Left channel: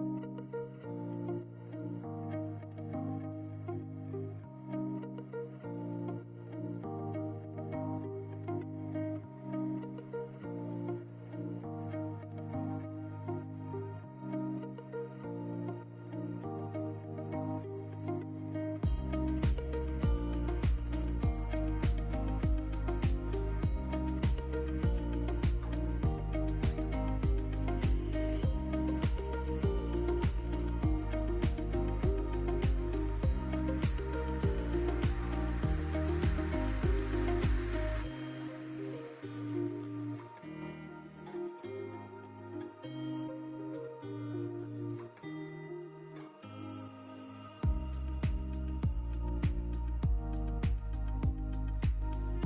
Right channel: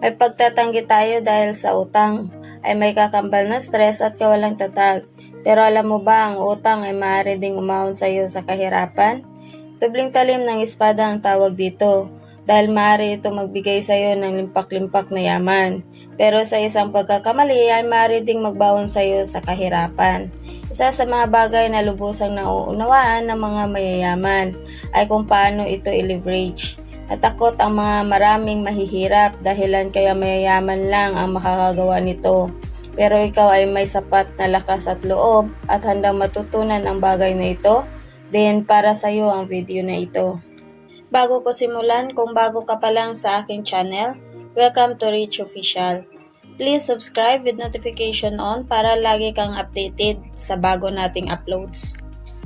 May pagtatanggi tayo dahil sa utang ay may kakambal na stress at kawalang tatag. Pero alam mo ba, ang utang ay maaari ding umahon sa iyo sa kahirapan? Tubling talim ng espada ang tawag dito dahil maaari ito magbigay sa iyo ng limpak-limpak na yaman. Pero sa isang pagkakamali ay maaari ding magbaon sa iyo sa kahirapan. Isa sa mga bagay na lubusang nauunawaan ng mga mayayaman ay kung paano ito i-leverage. Natakot ang mga maraming mahihirap dahilan kaya mayayaman lang ang makakagawa nito. Pero ikaw ay may sapat na lakas at loob at handang matutunan ang bagay na ito, then para sa iyo ang video na ito. Bago ko simulan, kung bago ka pa lang sa aking channel, welcome to Rich Official. Please subscribe with notification on para lagi kang updated sa bago nating uploads.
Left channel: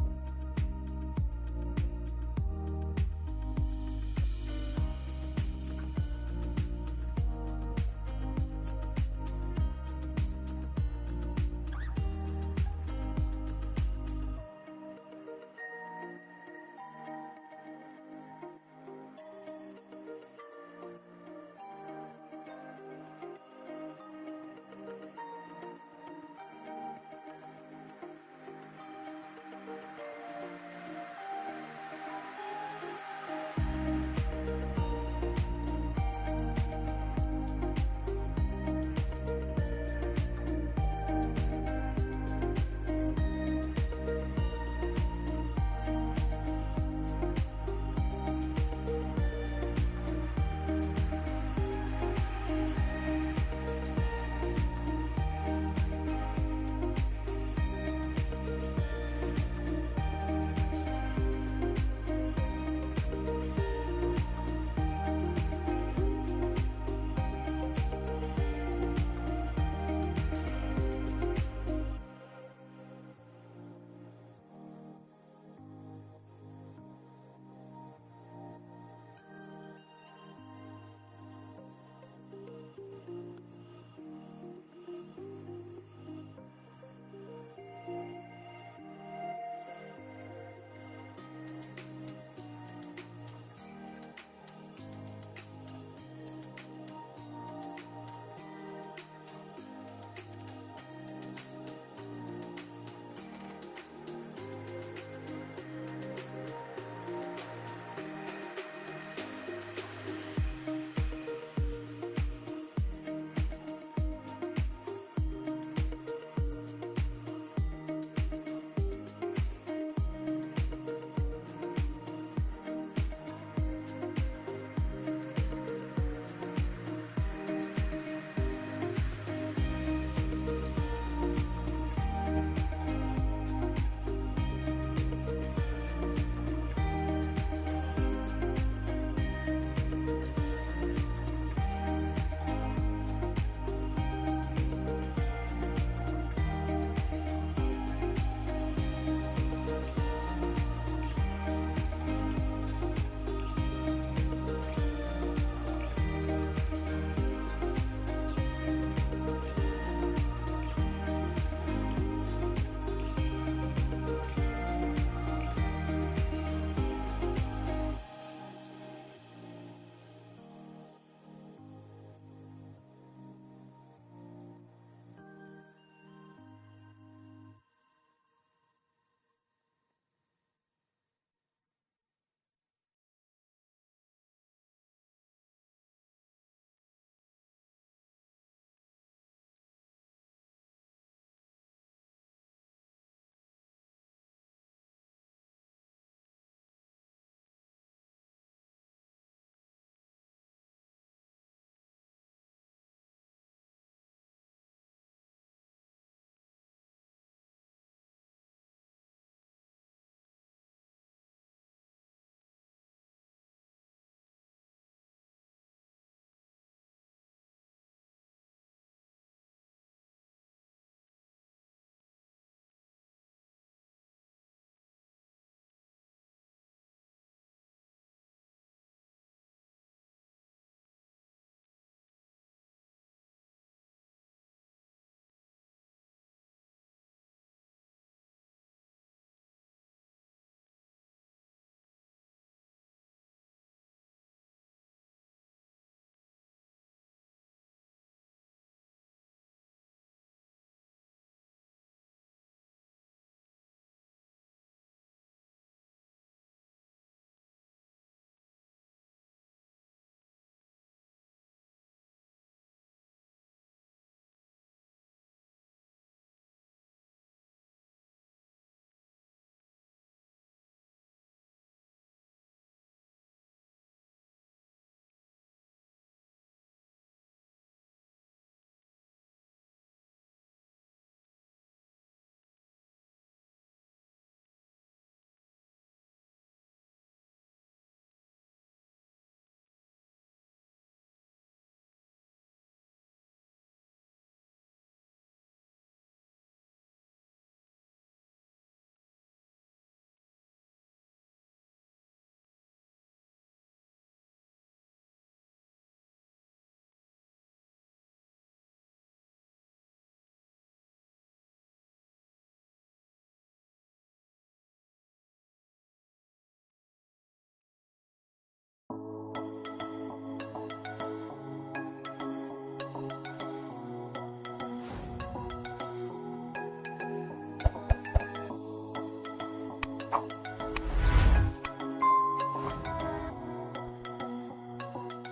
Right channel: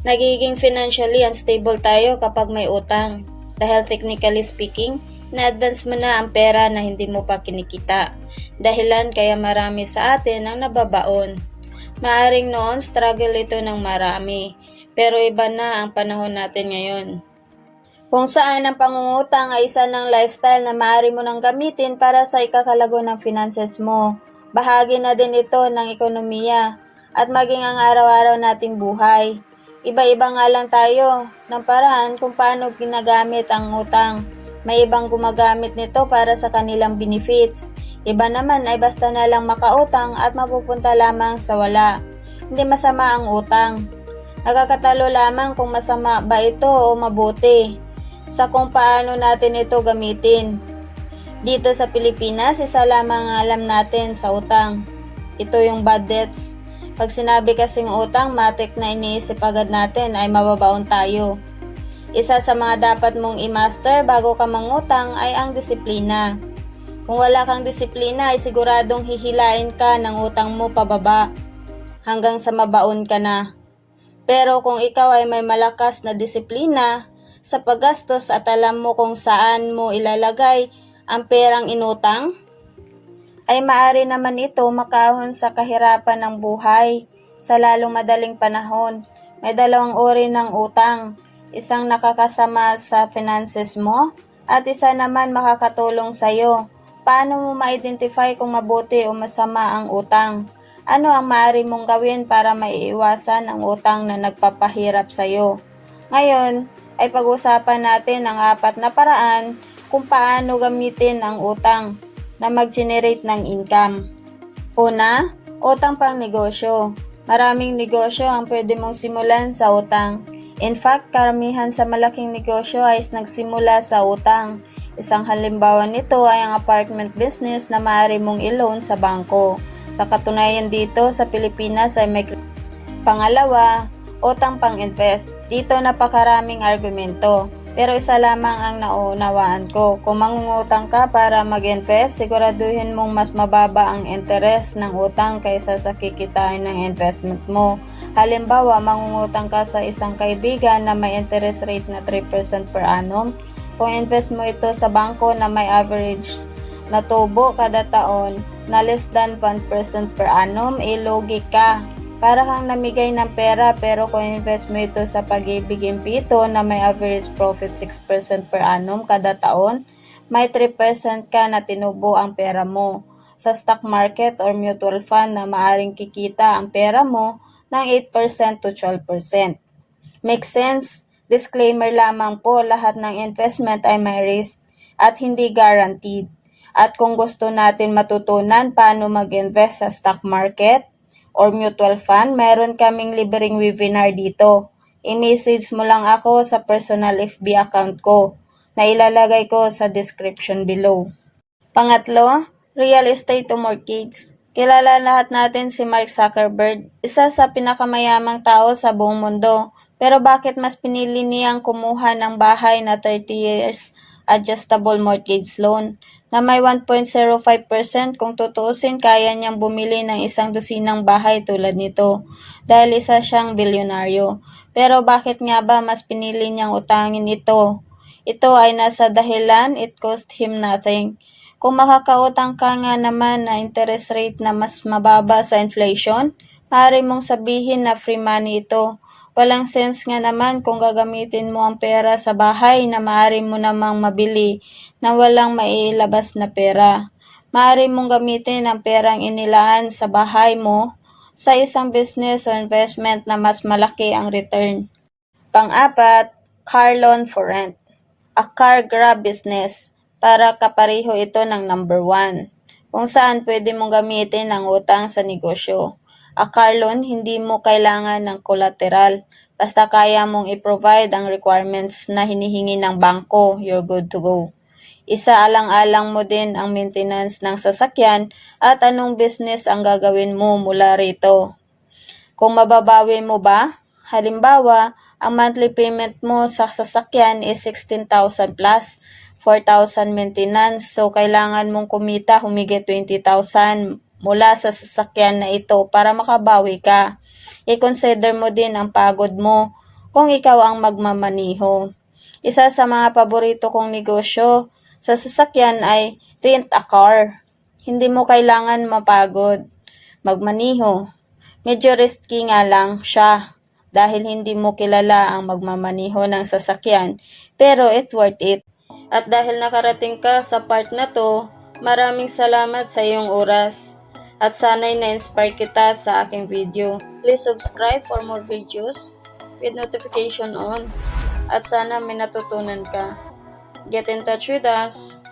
Nagiging financially unstable tayo kapag may utang. Dahil technically speaking, na-advance mo na ang pera na hindi mo pa kinikita. Dahilan kaya marami sa atin ang nababaon. Maaring noon struggle ito ng marami, pero iba na ang panahon natin ngayon. Kung saan ang pangungutang ay isa ng lifestyle na maaari mo nang gamitin para sa ikakalago ng finances mo. Bahagi na din ito ng ekonomiya at maging ang araw-araw nating buhay. Iba-iba nga lang tayo ng paraan kung paano ginagamit ang utang. May ibang gumagamit nito para sa kanilang benefits. Iba naman ay basta na lang makautang at mapupunta lamang sa wala. Hindi masama ang utang. Nakakatalo lamang kung masama ba ito o mabuti sa kung paano natin ito gamitin. Dito sa Pilipinas, isa lamang ang alam natin sa utang. Ito yung bad debts. Pag sinabi kasing utang, matik na iniisip agad natin ay mababaon tayo. Isa sa mga dapat mong i-master bago ka mangutang ay ang disiplina. Kung wala kang disiplina ay siguradong hihilain ka ng utang mo pababa hanggang sa mabaon ka na. Pero kung ikaw ay may malakas na disiplina sa paggastos at alam mo kung saan mo ilalagay ang perang inutang, ay maaari naman ito makaahon sa kahirapan ng buhay sa lalong madaling panahon. May dalawang uri ng utang, isang nakakasama sa finances mo at isa naman makakatulong sa iyo. Paano mo ma-identify kung mabuti o masama ang utang? Ano ang maaari mong gawin para maiiwasan ang utang na nagpapahirap sa iyo? Ngayon ay pag-usapan natin ang 4 na paraan kung paano gamitin ang utang na mag-generate ng income. Una, utang pang negosyo. Maraming negosyo ang pwede mong simulan sa utang. In fact, karamihan sa malaking negosyo ay nagsimula sa utang. Isang halimbawa nito ay ang apartment business na maaari mong i-loan sa bangko. Sa katunayan dito sa Pilipinas ay may pangalawa, utang pang-invest. Dito napakaraming argumento. Pero isa lamang ang naunawaan ko. Kung mangungutang ka para mag-invest, siguraduhin mong mas mababa ang interest ng utang kaysa sa kikitain ng investment mo. Halimbawa, mangungutang ka sa isang kaibigan na may interest rate na 3% per annum. Kung invest mo ito sa bangko na may average na tubo kada taon na less than 1% per annum, ilugi ka. Para kang namigay ng pera, pero kung invest mo ito sa Pag-ibig Impito na may average profit 6% per annum kada taon, may 3% ka na tinubo ang pera mo. Sa stock market or mutual fund na maaring kikita ang pera mo ng 8% to 12%. Make sense? Disclaimer lamang po, lahat ng investment ay may risk at hindi guaranteed. At kung gusto natin matutunan paano mag-invest sa stock market or mutual fund, meron kaming libreng webinar dito. I-message mo lang ako sa personal FB account ko na ilalagay ko sa description below. Pangatlo, real estate to mortgage. Kilala lahat natin si Mark Zuckerberg, isa sa pinakamayamang tao sa buong mundo. Pero bakit mas pinili niyang kumuha ng bahay na 30 years adjustable mortgage loan na may 1.05%? Kung tutuusin, kaya niyang bumili ng isang dosinang bahay tulad nito dahil isa siyang bilyonaryo. Pero bakit nga ba mas pinili niyang utangin ito? Ito ay nasa dahilan, it cost him nothing. Kung makakautang ka nga naman na interest rate na mas mababa sa inflation, maaari mong sabihin na free money ito. Walang sense nga naman kung gagamitin mo ang pera sa bahay na maaari mo namang mabili na walang maiilabas na pera. Maaari mong gamitin ang perang inilaan sa bahay mo sa isang business o investment na mas malaki ang return. Pang-apat, car loan for rent. A car grab business. Para kapareho ito ng number 1, kung saan pwede mong gamitin ang utang sa negosyo. A car loan, hindi mo kailangan ng collateral. Basta kaya mong i-provide ang requirements na hinihingi ng bangko, you're good to go. Isaalang-alang mo din ang maintenance ng sasakyan at anong business ang gagawin mo mula rito. Kung mababawi mo ba? Halimbawa, ang monthly payment mo sa sasakyan is 16,000 plus, 4,000 maintenance, so kailangan mong kumita humigit 20,000 mula sa sasakyan na ito para makabawi ka. I-consider mo din ang pagod mo kung ikaw ang magmamaniho. Isa sa mga paborito kong negosyo sa sasakyan ay rent a car. Hindi mo kailangan mapagod magmaniho. Medyo risky nga lang siya dahil hindi mo kilala ang magmamaniho ng sasakyan, pero it's worth it. At dahil nakarating ka sa part na to, maraming salamat sa iyong oras. At sana'y na-inspire kita sa aking video. Please subscribe for more videos with notification on. At sana may natutunan ka. Get in touch with us.